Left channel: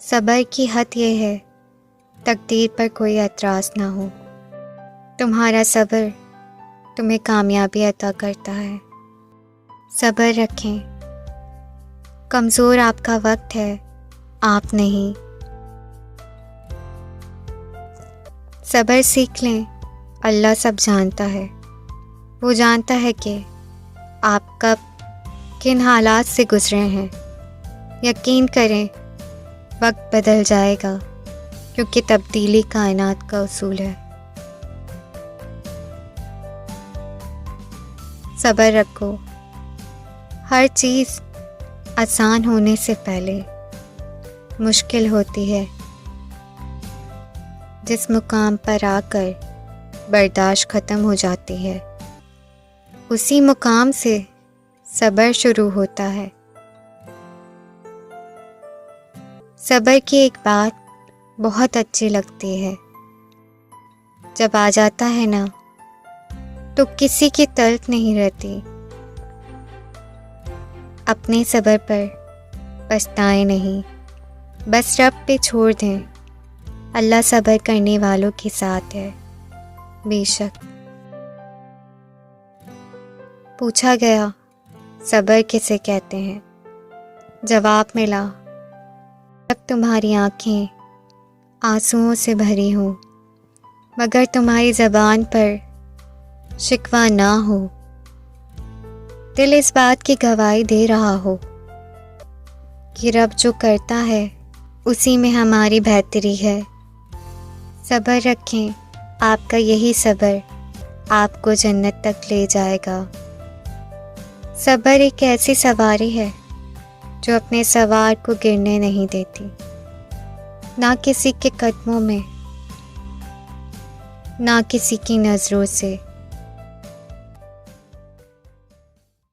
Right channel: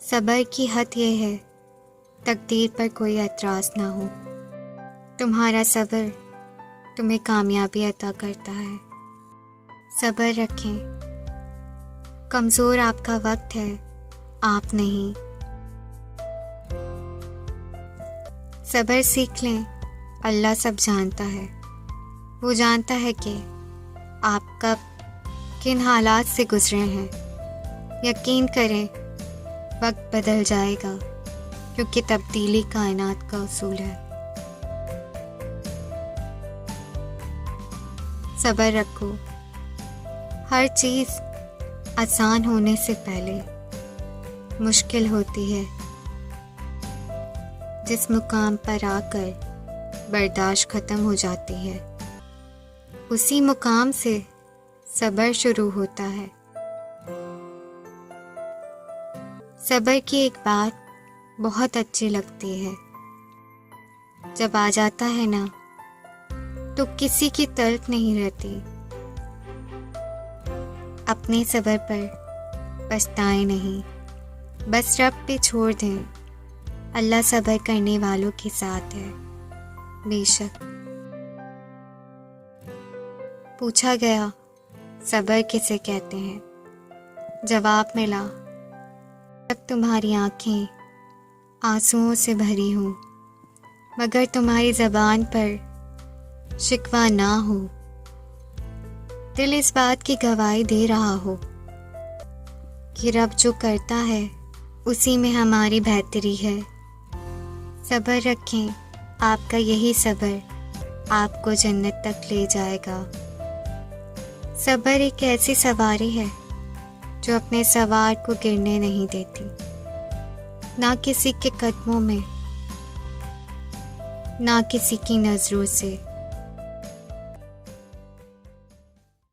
صبر کی حد یہ ہے تقدیر پر کوئی اعتراض نہ ہو۔ تمہارا صبر تمہیں کامیابی عطا کرتا ہے۔ صبر رکھیں، کمزور آپ کا وقت ہے، آپ نہیں۔ صبر سیکھ لیں، اللہ سب جانتا ہے۔ وہ جانتا ہے کہ آپ کب کن حالات سے گزرے ہیں۔ یقین کریں وقت بدل جائے گا، کیونکہ تبدیلی کائنات کا اصول ہے۔ صبر رکھو، ہر چیز آسان ہونے سے پہلے مشکل ہوتی ہے۔ جس مقام پر آ کر برداشت ختم ہو جاتی ہے، اسی مقام سے صبر شروع ہوتا ہے۔ صبر کی ایک بات بہت اچھی لگتی ہے، جب آ جاتا ہے نا تو کسی کی طلب نہیں رہتی۔ اپنے صبر پر پچھتائیں نہیں، بس رب پہ چھوڑ دیں۔ اللہ صبر کرنے والوں کے ساتھ ہے۔ بے شک۔ پوچھا گیا صبر کسے کہتے ہیں؟ جواب ملا، جب تمہاری آنکھیں آنسوؤں سے بھری ہوں مگر تمہاری زبان پر شکوہ نہ ہو، دل اس بات کی گواہی دے رہا ہو کہ رب جو کرتا ہے اسی میں ہماری بہتری ہے۔ صبر رکھیں، آپ کا یہی صبر آپ کو جنت تک لے جائے گا۔ صبر ایک ایسی سواری ہے جو اپنے سوار کو گرنے نہیں دیتی، نہ کسی کے قدموں میں، نہ کسی کی نظروں سے۔